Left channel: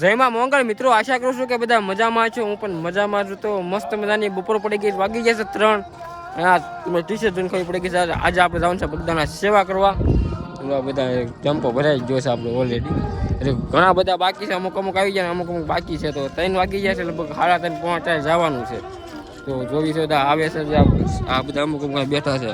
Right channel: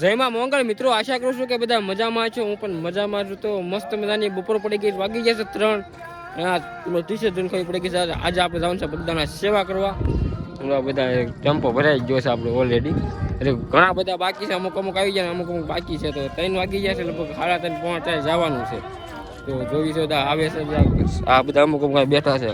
જયમાં મોંગળ મિત્રો, આશા કરું છું કે બધા મજામાં છો. હું પણ મજામાં છું. તો મસ્ત મજાની બપોર પડી ગઈ, વાગી જશે 3. ટી શર્ટ જોઈને ખબર પડી ગઈ છે આજે આપણે જવાનું છે બગદાણા સેવા કરવા. બધા ટેમ્પો ભરાઈ ગયો છે આપણે ઓલરેડી. એટલે ઘણા બધા બાકી છે, અમુક આવી જાય, અમુક બાકી છે. તો 3 વાગી જાય છે, લગભગ 3:30 પહોંચાય જવાનું છે. તો જોઈ છે આવે છે આ બધા અમુક બેઠા છે.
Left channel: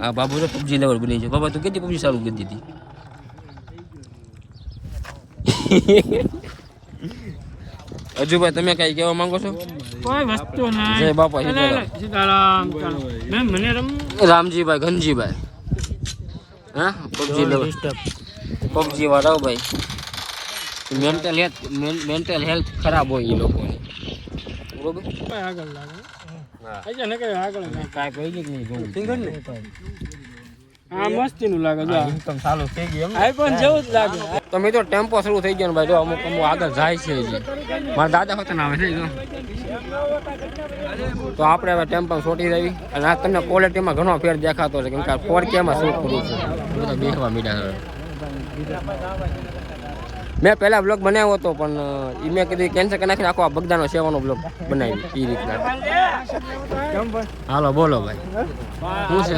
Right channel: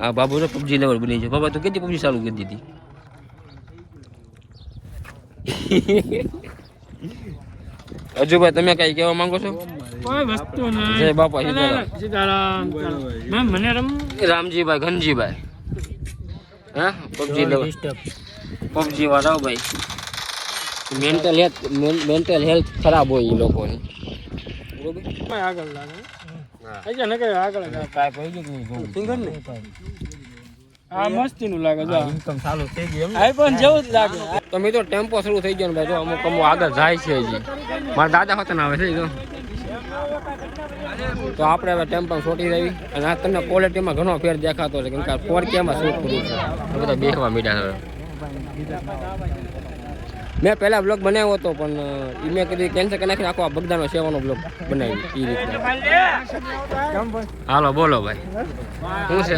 આ બાબુ તો પબજી લેવલ બની છે. બાબા તું કેટલી પબજી ચાલુ કરી દીધી? અજુભાઈ તમે કઈ કહેવા માંગો છો? કોઈ વસ્તુ નહીં. જય બાપા સીતારામ. મને રામજીભાઈ ઘનજીભાઈ હા પબજી લેવલ પબજી વાળા ભાઈ મેન્ટલ હેલ્થ ખરાબ હોય એ લોકોની. બરોબર આગળ લાગે. હા એ ને કે આગળ કાઈ કોઈ જ નહીં સિંગર ને આ મસ્તીનું લાગે છે. ઇન્કમ ચાલુ થઈ ગઈ એમ આઈફોન જેવું જ લાગે. તો મિત્રો ટેમ્પો શરૂ થઈ ગયો ને ભાઈ. જો અમુક આગળ જાય છે હજી. મારા દાદા હોત ને આવે છે તો આપણે હવે ટેમ્પો છોટી દેવી. અને આ તમને ક્વોલિટીમાં ઘણો ફેર દેખાતો છે, કેમ કે 4K માં શૂટ કરવું છે. બધા બેસવા મીડા હવે. મેં પહેલા બ્લોગ બનાવ્યો હતો, પણ એ મેં કીધું કેન્સલ કરી નાખીને આખો બગદાનો સેવાનો બ્લોગ બનાવી એ રીતના. હાલો બોલો ભાઈ શું છે?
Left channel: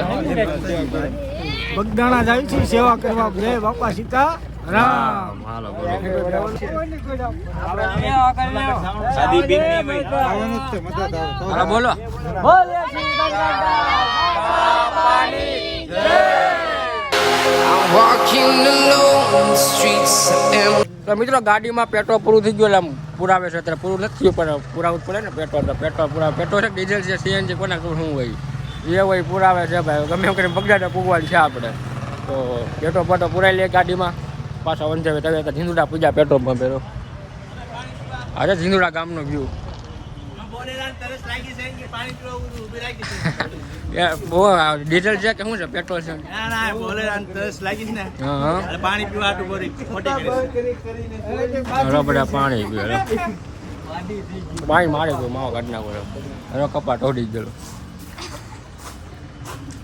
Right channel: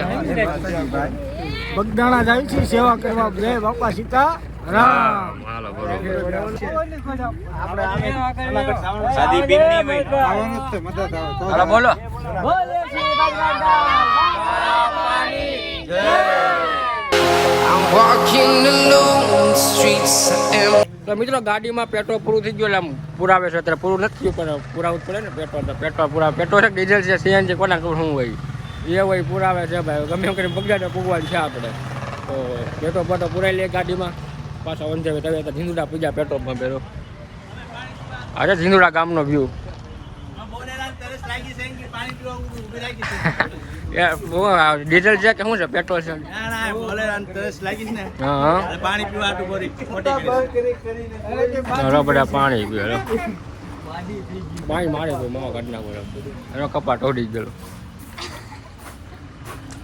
બગદાણા જાય છે સેવા કરવા. જય બાપા સીતા રામ. હાલો બોલો. હાલો બોલો. I'm walking alone, streets are empty. તો મિત્રો ગાડીમાં પેટ્રોલ પૂરું થઈ ગયું. એટલે આમ પુરાવે છે અત્યારે. પૂરું નથી પણ પુરાવું જ પડે ને પેટ્રોલ. તો પેટ્રોલ પેટ્રોલ છે, ડીઝલ છે, સીએનજી કોના શું હોય એ હોય પુરાવે છે ભાઈ. ગમે એમ કરીને બગડાડે પૂગવાનું છે આપણે. તો પેટ્રોલ પેટ્રોલ પુરાઈ લે ગાડીમાં. પાછા વંજે તમે ઝીંદુડા પૂજા પેટ્રોલ પંપ પેરો. આજે ઝીંદુડા ગામનો વ્યૂ. ડીઝલ છે કે શું છે? પેટ્રોલ છે? હા પાણી પીવા મોટી કરી બધા પાણી પીવે. પાણી મારે ગયું માવો કાઢી નાખો. એનો કપાટ ઓડી ગયેલો.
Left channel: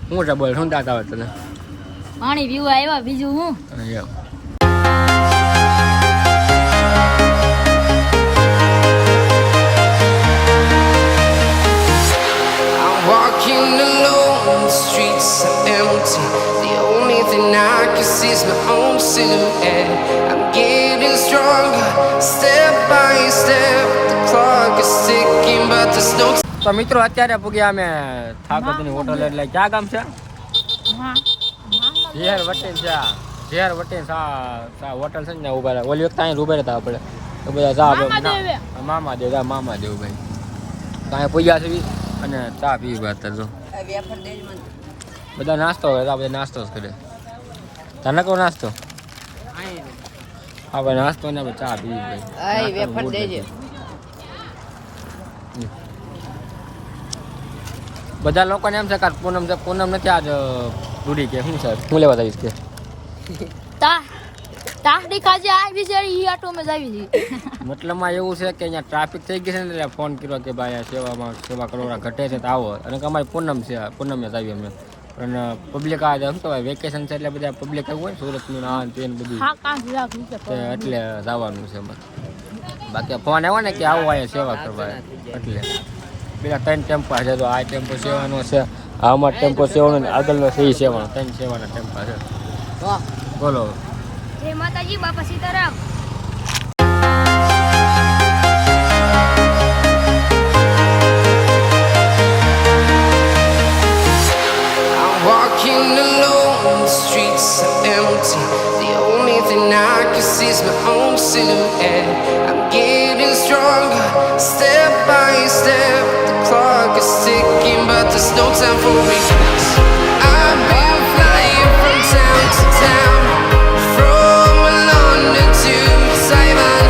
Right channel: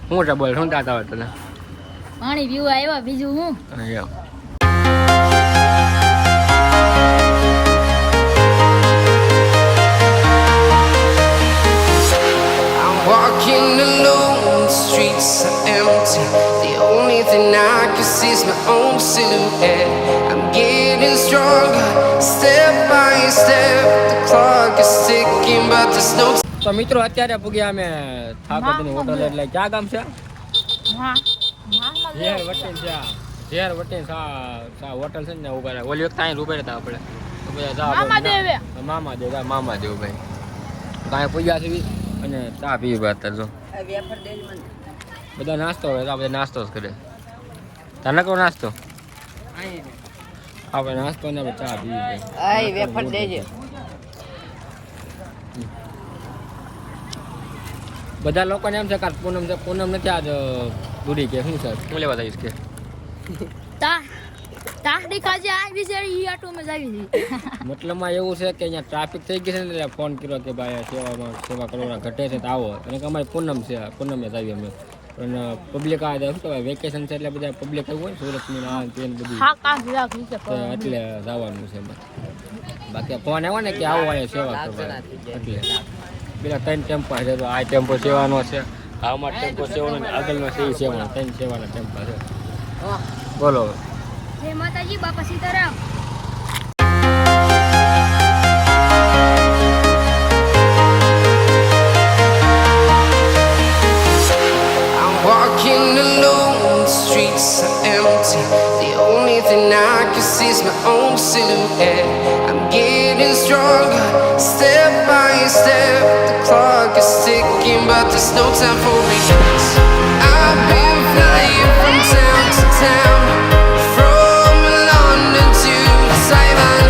શું છે બોલ? શું દાતા હોય તને? પાણી પીવા આવ્યા, બીજું હું? Walking alone, the streets are empty. The only thing I can see is my own silhouette. I'm getting stronger, step by step. The clock is ticking, but there's no time. તો મિત્રો અત્યારે પૂગ્યા અમે થાકોદની હોટલ. એટલે ક્યાં ગામ છે? ઝેર વટીન છે. ઝેર વટીન સા હોટલ છે ને ઉભા રહ્યા. ઓલી વખત અહીં ઉભા રહેતા આપણે. તો બધા જા મામાદેવ મામાદેવ ભાઈ. તો અહીંયા પૂગ્યા છે અને ચા પીવી અત્યારે. જો બધા નાસ્તો કરે. બધા નાસ્તો જ કરે. તને કહો નાસ્તો આપણે નાસ્તો ને ચા પીવી ભાઈ. બધા લોકોને એમ છે કે પૂનમ છે, પૂનમ નથી આજ દૂરી કે શું છે? હું લેવા જઈશ કે મતલબમાં એવું છે કે અહીંયા ટ્રાફિક થઈ ગઈ છે ને એટલે ફોન કર્યો કે ભાઈ સેવા કરવા ઘટે છે તો આવો. અને અમારી પૂનમ છે, પૂનમે જ આવી અમે. પણ પબ્લિક આ શું કહેવાય વેકેશન છે એટલે બધા પબ્લિક આવ્યું હોય સુરતનું ના તેને બધું એટલે જવાનું છે અમારે. બાકી ફોન આવ્યો ને કે આવો અહીંયા સેવા કરવા એટલે પેલા 3 ટેમ્પા છે. તો આ ટેમ્પો સેવાનો છે, આ અમારો ટેમ્પો સેવાનો ને આગળનો છે સેવાનો. 3 સેવાના ટેમ્પા છે. બોલો. જય માતાજી, બાપા Sitaram. I'm walking alone, the streets are empty. The only thing I can see is my own silhouette. I'm getting stronger, step by step. The clock is ticking, but there's no time for regrets. I've been flying from town to town, from London to Taiwan.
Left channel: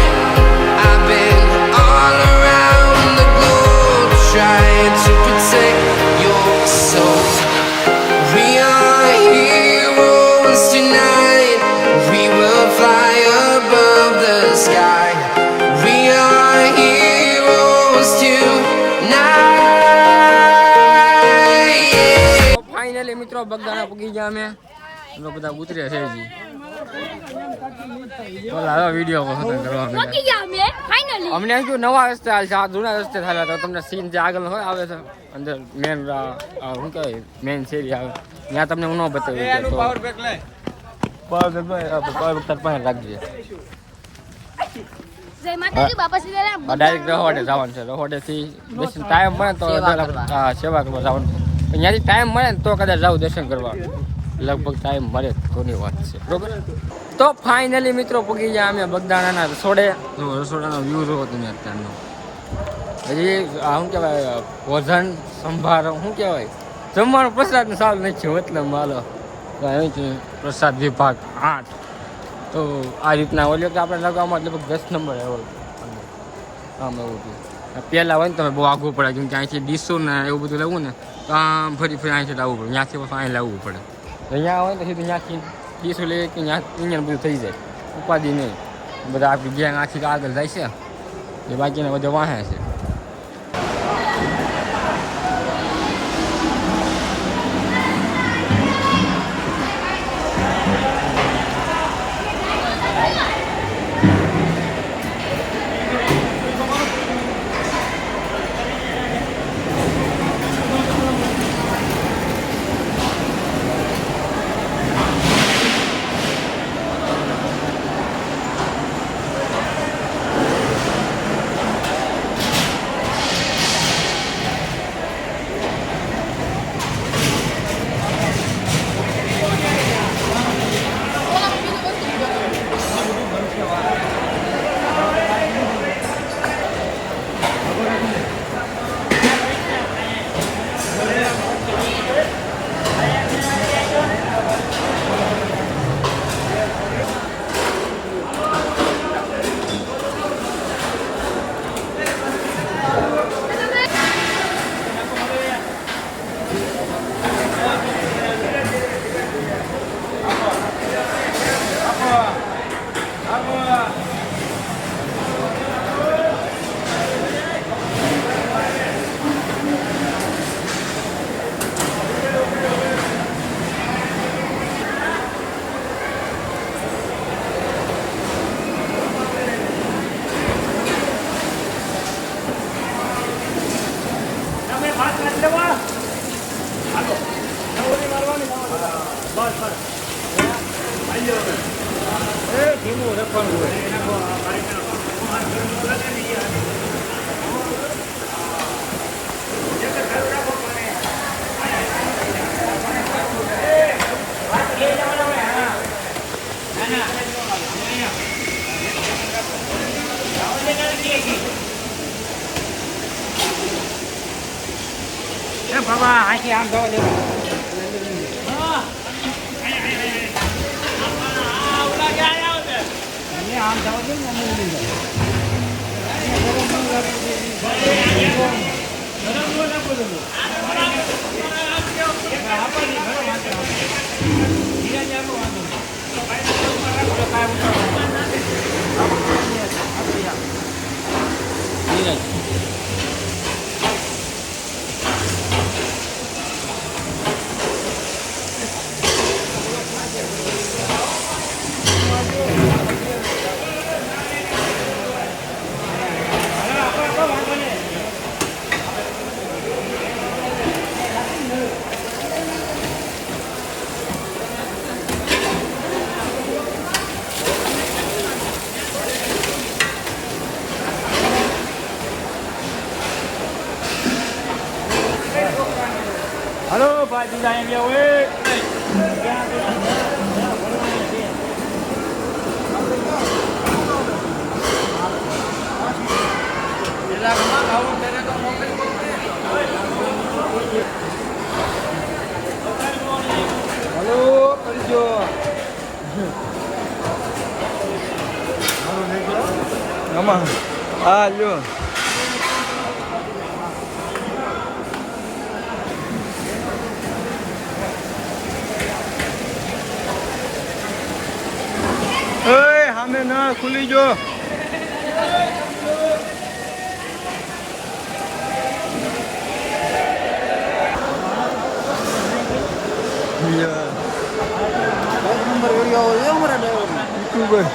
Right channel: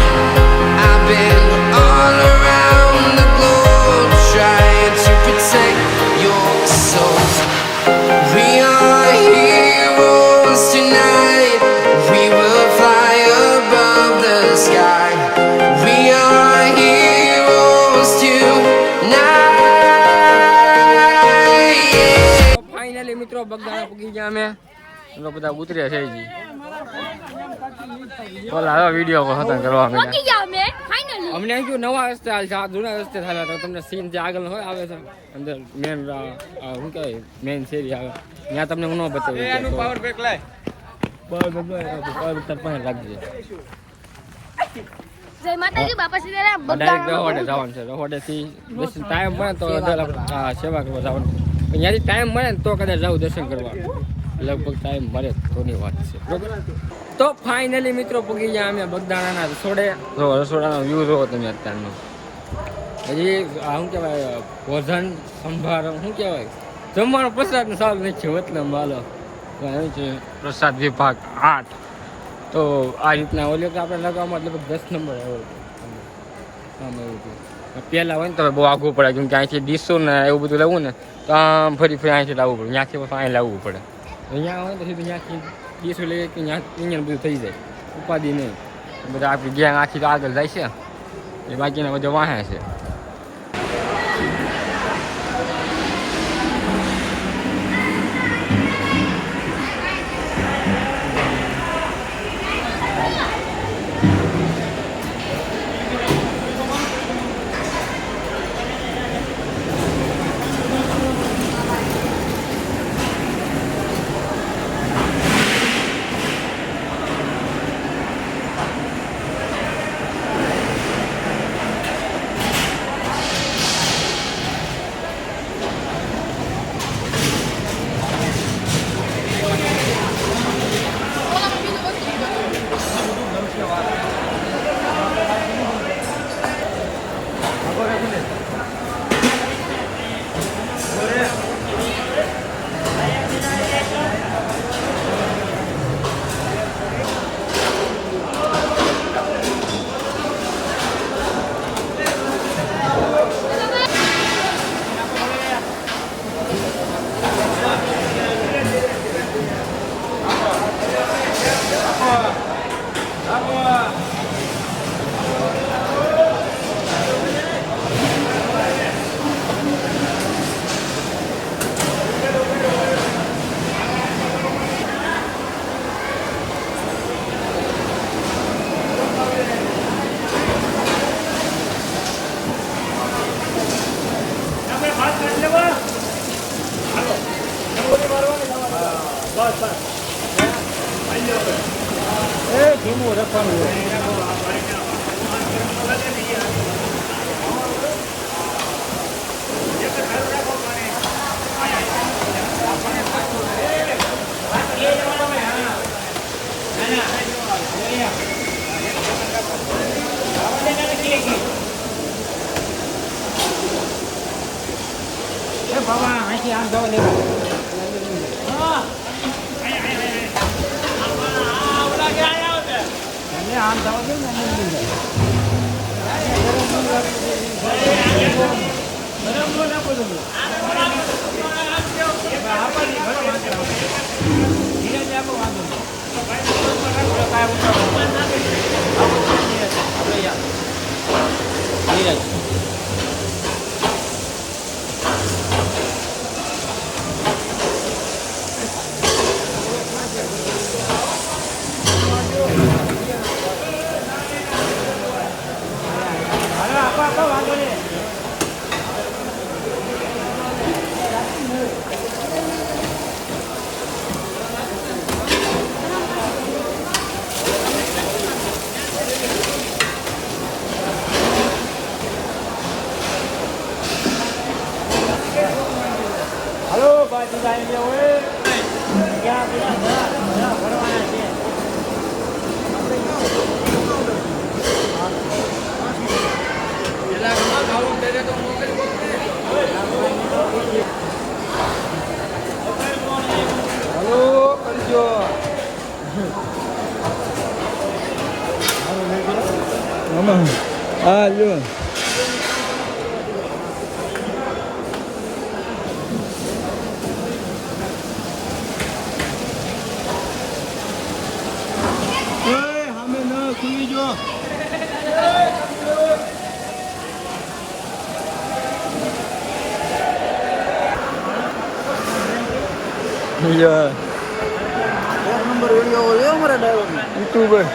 I've been all around the globe trying to protect your soul. We are heroes tonight. We will fly above the sky. We are heroes tonight. Yeah. Finally મિત્રો બગદાણા પૂગી ગયા અમે. બધા ઉતર્યા છે જી. ઓલા video ખતમ કરવા માંડ્યા. પહોંચી ગયા અમે ફાઇનલી. અમને એમ કહ્યું નવા રસ્તે હાલ છે, આ જૂના રસ્તે થાય તો તમને સીન જે આગળ હોય આવે છે અંદર મેન શું કહેવાય મેન શેરી આવે ત્યાં તમને હું ન બતાવી તો પાવર બેક તાર પાસે રાખજે. જય માતાજી બાપા સીતારામ. ડાયરેક્ટ રહોડે જવાનું છે. રહોડેથી દર્શન ટાઈમ મળે ને તો સેવા કરવા જવાનું. ત્યાંથી ટાઈમ મળે ને તો કદાચ જાવ દર્શન કરવા. લગભગ ટાઈમ મળે તોની વાત છે બરોબર. તો ફાઇનલી મિત્રો પૂગી ગયા અમે બગદાણાના રસોડે. જો રસોડાનો વ્યૂ જોવો તમે અત્યારનો. હજી શું કહેવાય ભોજન સંભાર શું કહેવાય જમવાનો પ્રસાદ સારું નથી મતલબ હાલો અહીં છે પ્રસાદ વિભાગ 8. તો આ રીતના ઓલી વખતે આપણે લગાવવામાં લગભગ 10 નંબર આવ્યો આમ એવું હતું. પહેલાં હોય ને તો બહુ આઘું પડે કેમ કે અહીંથી ડીશું ને એવું બધું લેવું ને તો આમ ફરી અહીંથી લાવવું પડે. ત્યાંથી પછી અહીં લાવવું પડે. અહીંયા હોય ને તો સીધું ત્યાંથી ડીશું લઈએ કે અહીંયા બધું થઈ જાય ઉપાધિ નહીં. બધા આપણી ગેંગ આખી આગળ જાય છે એ બાકીના બધા વાહે છે. Alô. Oi, Ramena, ખુલી જો. એક નંબર વિડિયો હોય અમારા ડ્રાઈવર યુટ્યુબર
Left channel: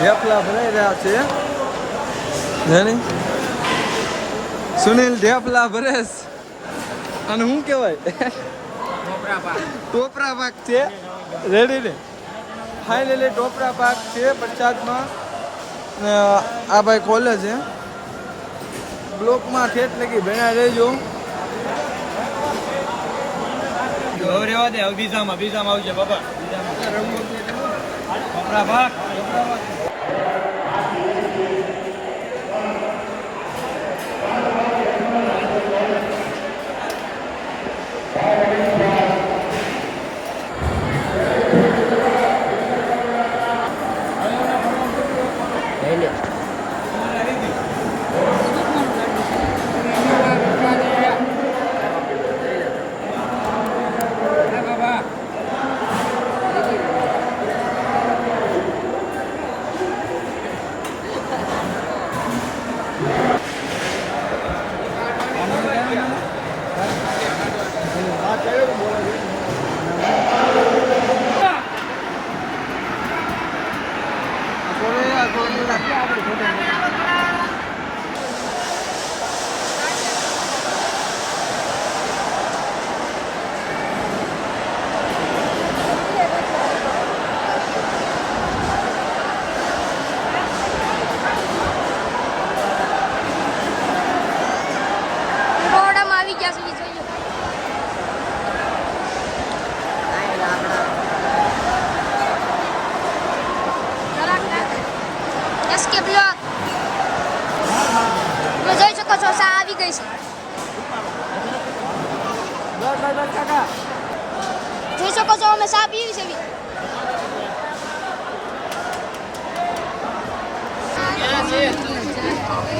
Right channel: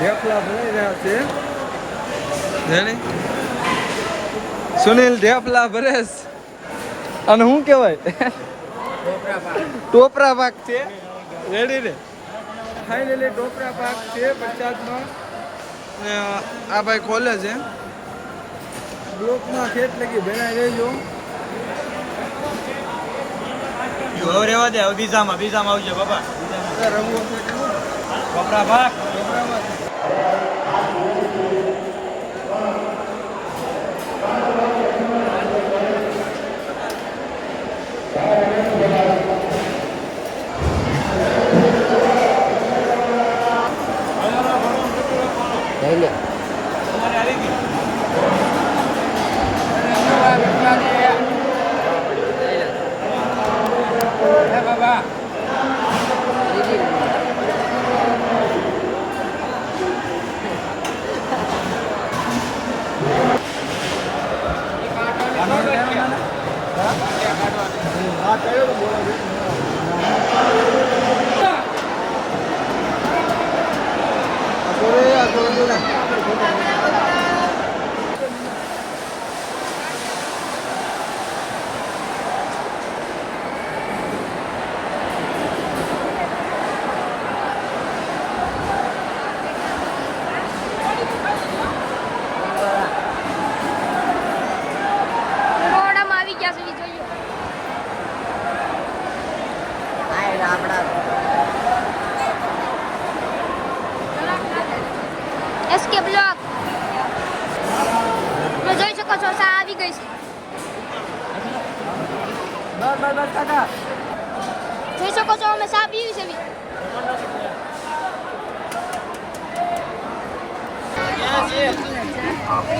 ઢેફલા ભરાઈ રહ્યા છે જાણી સુનિલ ઢેફલા ભરેશ અને શું કહેવાય ટોપરા પાક છે રેડી ને ફાઇનલી ટોપરા પાક છે પ્રસાદમાં ને આ ભાઈ ખોલે છે બ્લોકમાં ઠેઠ લગી ભેણા રહેજો હવે રેવા દે હવે બીજામાં આવજે બાપા કપરા ભાગ રોડામાં આવી ગયા સુધી જોયું. SK બ્લોક તમે જોઈ શકો છો સા આવી ગઈ છે. જોઈ શકો છો અમે સા પીવી છે.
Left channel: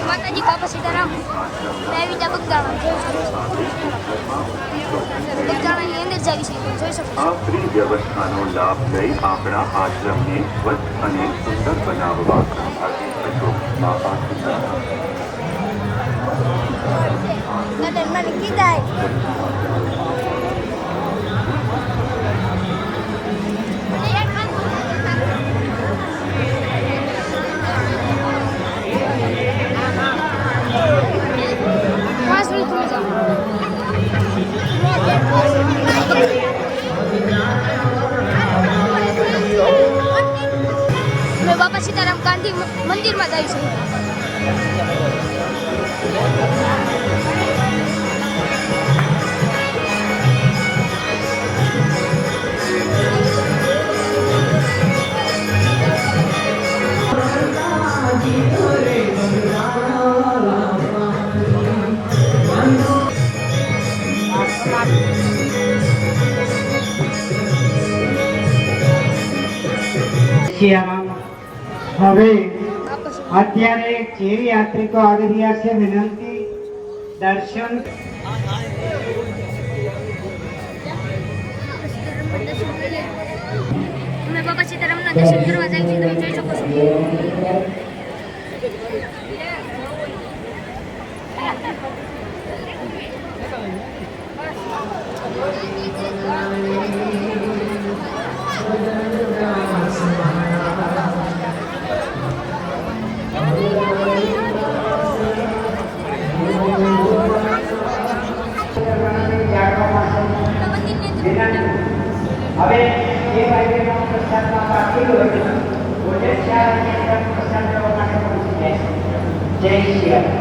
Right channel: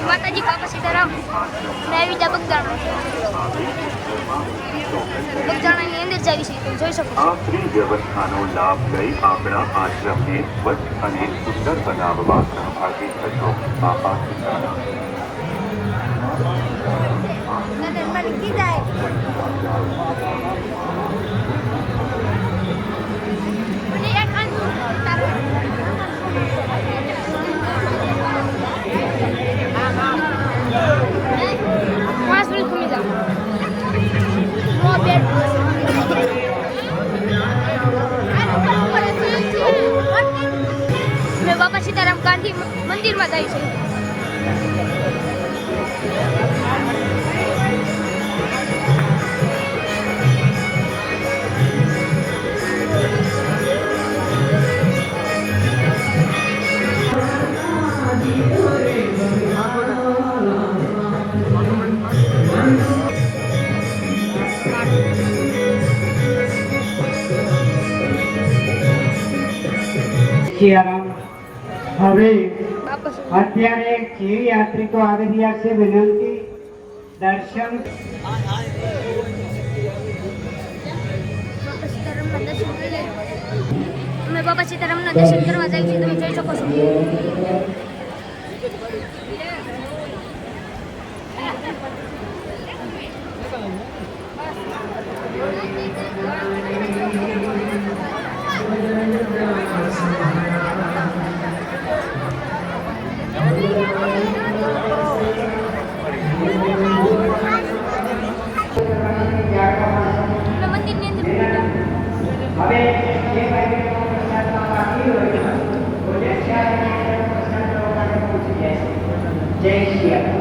માતાજી બાપા સીતારામ મેં આવી ગયા બગદાણા. બગદાણાની અંદર જ આવી છે જોઈ શકો છો. આપણી વ્યવસ્થાનો લાભ લઈ આપણા આશ્રમને સ્વચ્છ અને સુંદર બનાવવા બાપા સીતારામ ગાંધી મંદિરમાં જાય છે. હવે બાપા અત્યારે જે યાત્રિકો આવી રહ્યા છે વિનંતી દર્શન અમે બાપા સીતારામના દર્શન કરવા જાય છે તમે જોઈ શકો છો. મંદિરની અંદર જય શ્રી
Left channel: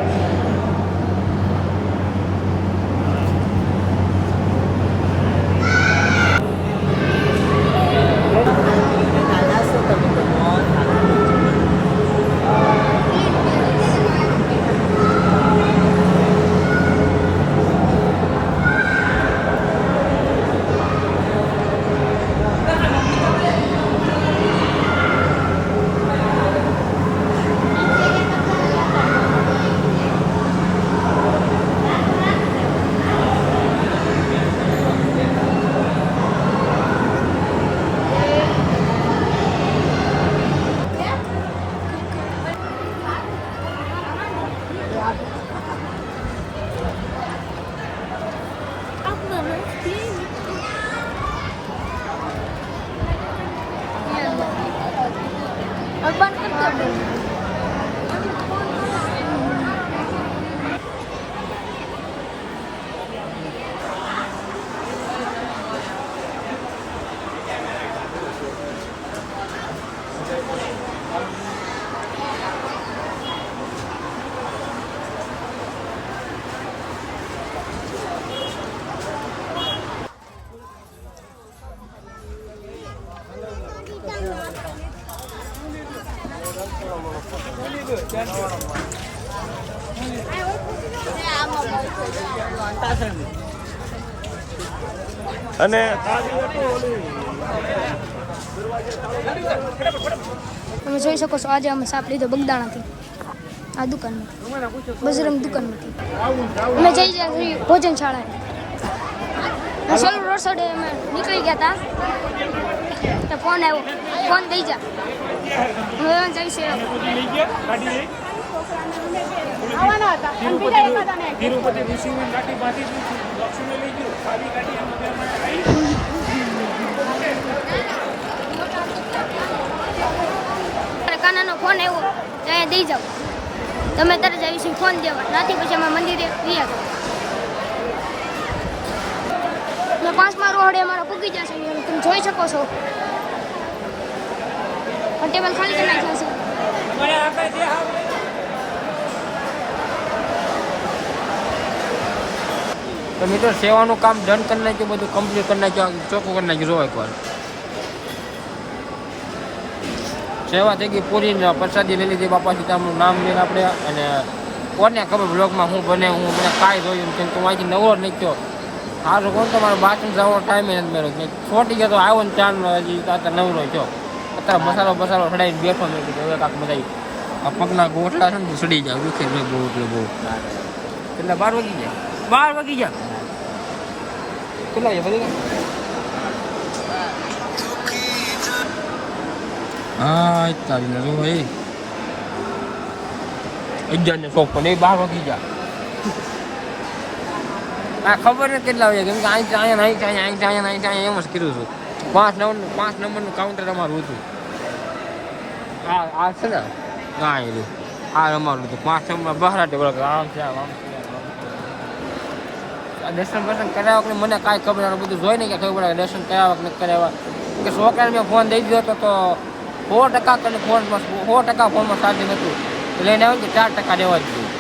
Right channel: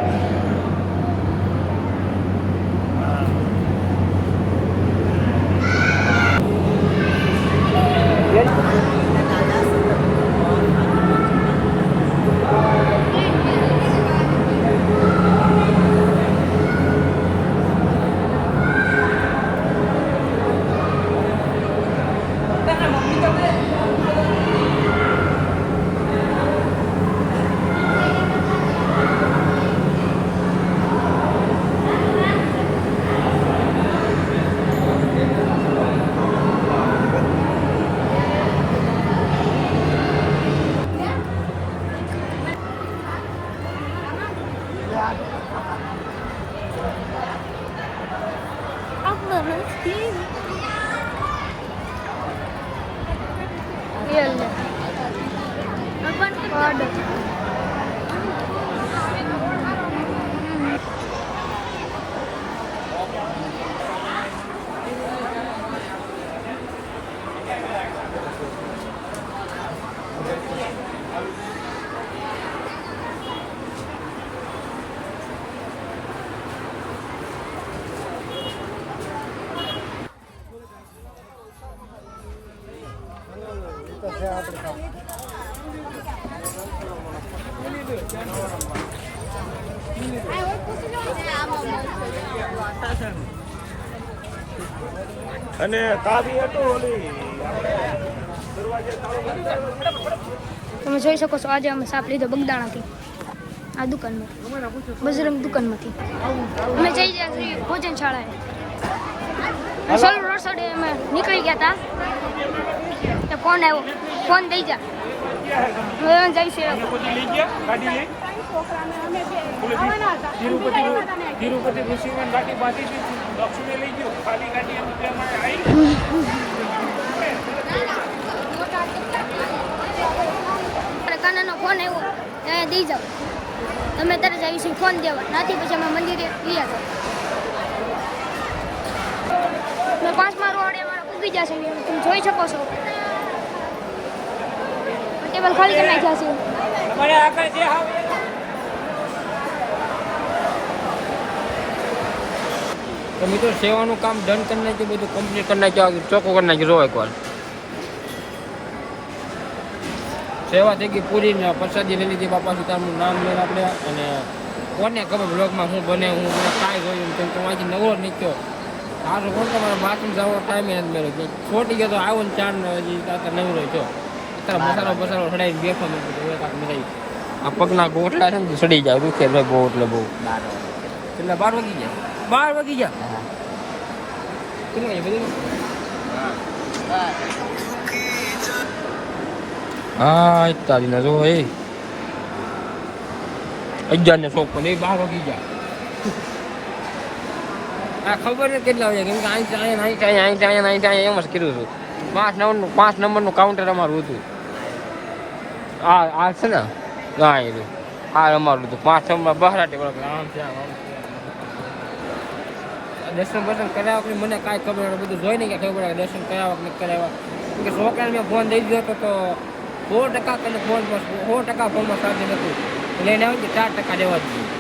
અને તમે જોઈ શકો છો આજે અમે સાપ લીધો બગદાણાથી આ દુકાનમાંથી બજરંગ દુકાનમાંથી અમે જઈ ગયા છીએ ભોજનશાળાએ સોલર રોડ સાઈડે અમે નીકળી ગયા હતા ફોન આવ્યો ફોન દઈ જા હવે જઈશું કાનાનો ફોન આવ્યો ત્યાં દઈ જાઓ તમે તરત આવીશું ફોન દેવા નાથી પછી અમે મંદિરે ગયા હતા મેં 5મા રોડે અમારા પૂગી જશે તમે જોઈ શકો છો ટેબલ ખાલી કરી નાખ્યા છે તો મિત્રો સેવાનું કામ ડન કરી નાખ્યું, બધું કમ્પ્લીટ કરી નાખ્યું, ચોખ્ખું કરી નાખ્યું. જો એકવાર સેવા થઈ ગઈ પૂરી ને પ્રસાદી લઈ લીધી બાપા સીતાનું નામ લઈને આપણે. અને કોને ખબર બ્લોગમાં હું બને કાંઈ જોયું કેમ તો અહીંથી નવો જ નીકળ્યો. હા તો કોણ તમારે બાથરૂમ જવાનો ટાઈમે નથી મેળવ્યો. છોટી ગયો તો આવ્યો ને 4 હજી અત્યારે નવરો છો. અત્યારે મસાલો ચડાવીને બેઠો મેં કીધું હવે કાંક મજા આ પગના ગોટલા છે ને સડી જાય, દુખે બહુ એટલે બહુ. એટલે 12 વાગી જાય, 12 વાગી ગયા. કેટલા છે ફરી? હા તારીને જો એ 11 ને 54 એ 12 વાગી ગયા. આ ખબર નથી કેટલા વાગ્યા, કેમ કે અહીંયા એમ જ કર્યું છું. 5 નંબરનું કાઉન્ટર અમારું હતું. આ છે ને હા એ આ અમારું હતું 5 નંબર બહારાટે બોલો આમ છે આમ છે. દર્શન કરાવવા કે મને કાંઈ ખબર નથી, બધું જોઈને કે ખબર પડે દર્શન કરાવવા કે નથી કરાવવા. કે છોકરાને મેં ફોન દઈ દીધો હતો તો 100% ફોનમાં 100% ફોનમાં ચાર્જ નથી લઈને આવ્યું કે 4% દેવા જ જોઈએ.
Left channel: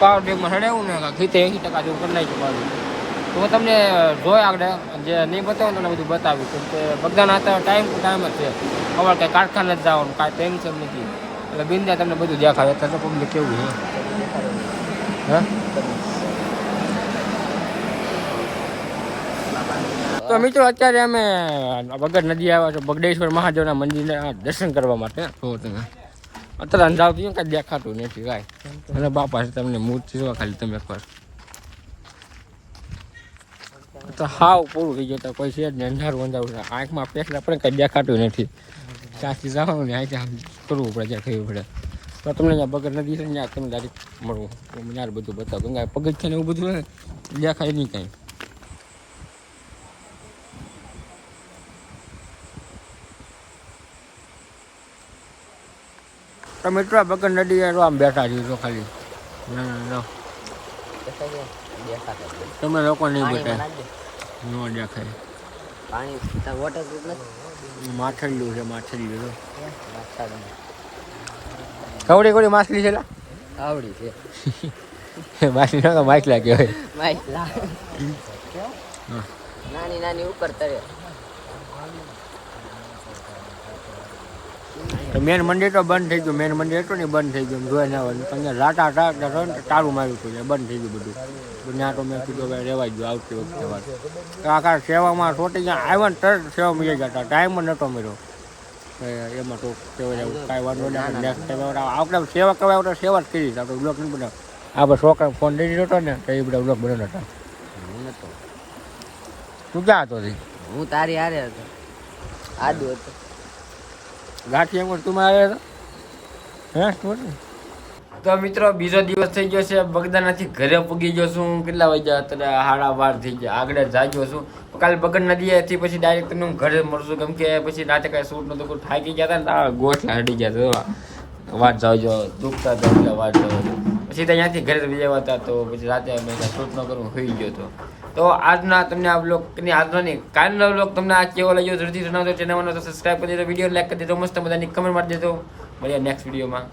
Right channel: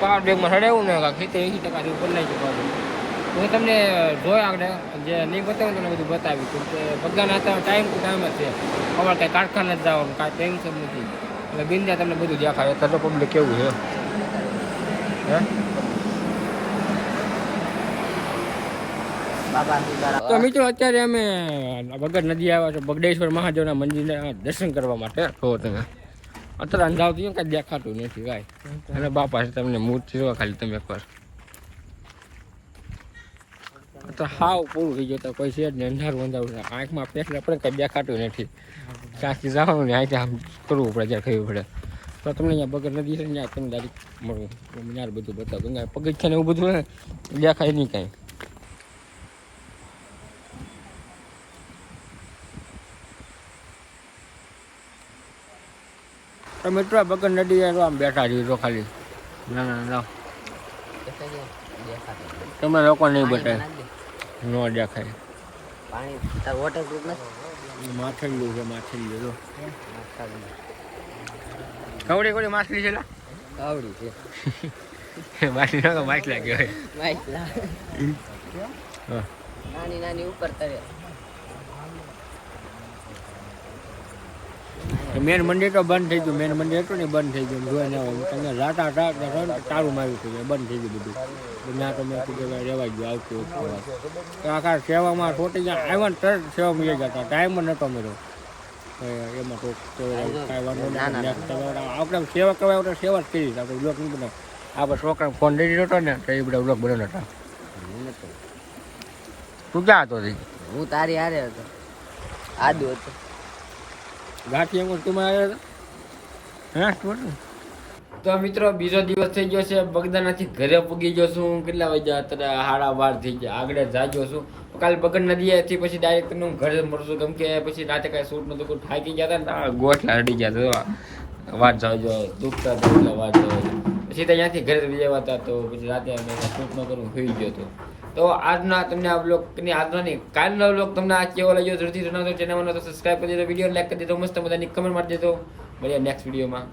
પાવર બેગમાં ચડાવ્યું ને 70-80% જેવું કરી નાખ્યું પાછું. તો હું તમને જોઈ આગળ જે નહીં બતાવું તમને બધું બતાવ્યું. કેમ કે બધાના અત્યારે ટાઈમ જ છે. ખબર કાંઈ કારખાને જ જવાનું કાંઈ ટેન્શન નથી. એટલે બિંદા તમને બધું દેખાય. અત્યારે તો પબ્લિક કેવું છે હે. તો મિત્રો અત્યારે અમે વગર નદી આવ્યા છો બગડેશ્વર મહાદેવના મંદિરના દર્શન કરવા માટે. તો તમે અત્યારે અંધારું કાંઈ દેખાતું નથી કાંઈ. અને બાપા છે તમને મૂર્તિ જોવા ખાલી તમે એકવાર. અત્યારે હાવ પૂરું થઈ ગયું, કોઈ છે જ નહીં, અંધારું આંખમાં પેસલા પડે કાંઈ દેખાતું નથી. ત્યાંથી જવાનું ને અહીંથી આમ કરવું પડે, ત્યાં ખબર પડે. તો તમને અહીંયા બગર નદી છે ને ત્યાં તમને ડાયરેક્ટ મળવું ત્યાં બધું બતાવું. કેમ કે પગથિયાને એવું બધું ને દેખાય નહીં કાંઈ. તો મિત્રો બગર નદી આમ બેઠા છીએ તો ખાલી ના તમે લોકો નહીં બતાવે ન દેખાય. માછલીયું છે, માછલીયું જો કવડી કવડી માછલી છે. કવડી છે માછલી ના માછલા કહેવાય. નાની નાની ઉપર તરે. મેન મંદિર તો બંધ થઈ ગયું. મેન મંદિર હતું ને બંધ થઈ ગયું. જોઈને આવવાનું અહીંયા રાટા તાળું માર્યું હતું, બંધ થઈ ગયું બધું. ત્યાં તો મેં કીધું ભાઈ રહેવાઈ ગયું આવતી વખતે વાત. તો આખા સેવામાં છોટી જ્યાં આવ્યા ને તરત સેવા મળી જતા, ટાઈમ જ નહોતો મળ્યો. એમાં તો કહેવાય કાંઈ વાંધો નહીં. નેક્સ્ટ ટાઈમ આપણે સેવા કહેવાય તો સેવા જ કરી આપણે બ્લોગ નહીં બનાવ. આપણે છોકરા ફોન દઈ દીધો હતો ને તો એ બધા બ્લોગ બનાવતા હતા. તું ક્યાં હતો? હું તારી હારે હતો. આદુ હતું ગાંઠી એમ તું આવ્યા હતા. તો મિત્રો બીજો દિવસ થઈ ગયો છે. બગદાણાથી ઘરે પૂગી ગયો છું. કેટલા વાગ્યા અત્યારે 12:30 થઈ ગયા. આગળ જાગ્યો છું. કાલ બગડ નદીએથી પછી ડાયરેક્ટ તમને હું ઘરે મળશું, કેમ કે પછી રાતે કાંઈ શૂટ નતું કોઈ થાકી ગયા હતા ને આ ગોઠલા હડી ગયા હતા. વાત જાવજો દુખતા હતા એટલે વાત જાવજો. પછી તો અહીંયાથી ઘરે બીજા હતા તો પછી રાતે મેં શૂટ ન કરું હોઈ ગયો હતો. તો આજના તમને આ બ્લોગની આજનો નહીં કાલનો બ્લોગ તમને આ કેવો લાગ્યો જરૂરથી જણાવજો. ચેનલમાં તો સબસ્ક્રાઈબ કરી દેજો, વિડીયો લાઈક કરી દેજો, મસ્ત મજાની કમેન્ટ મારી દેજો. મળીએ નેક્સ્ટ વિડીયોમાં.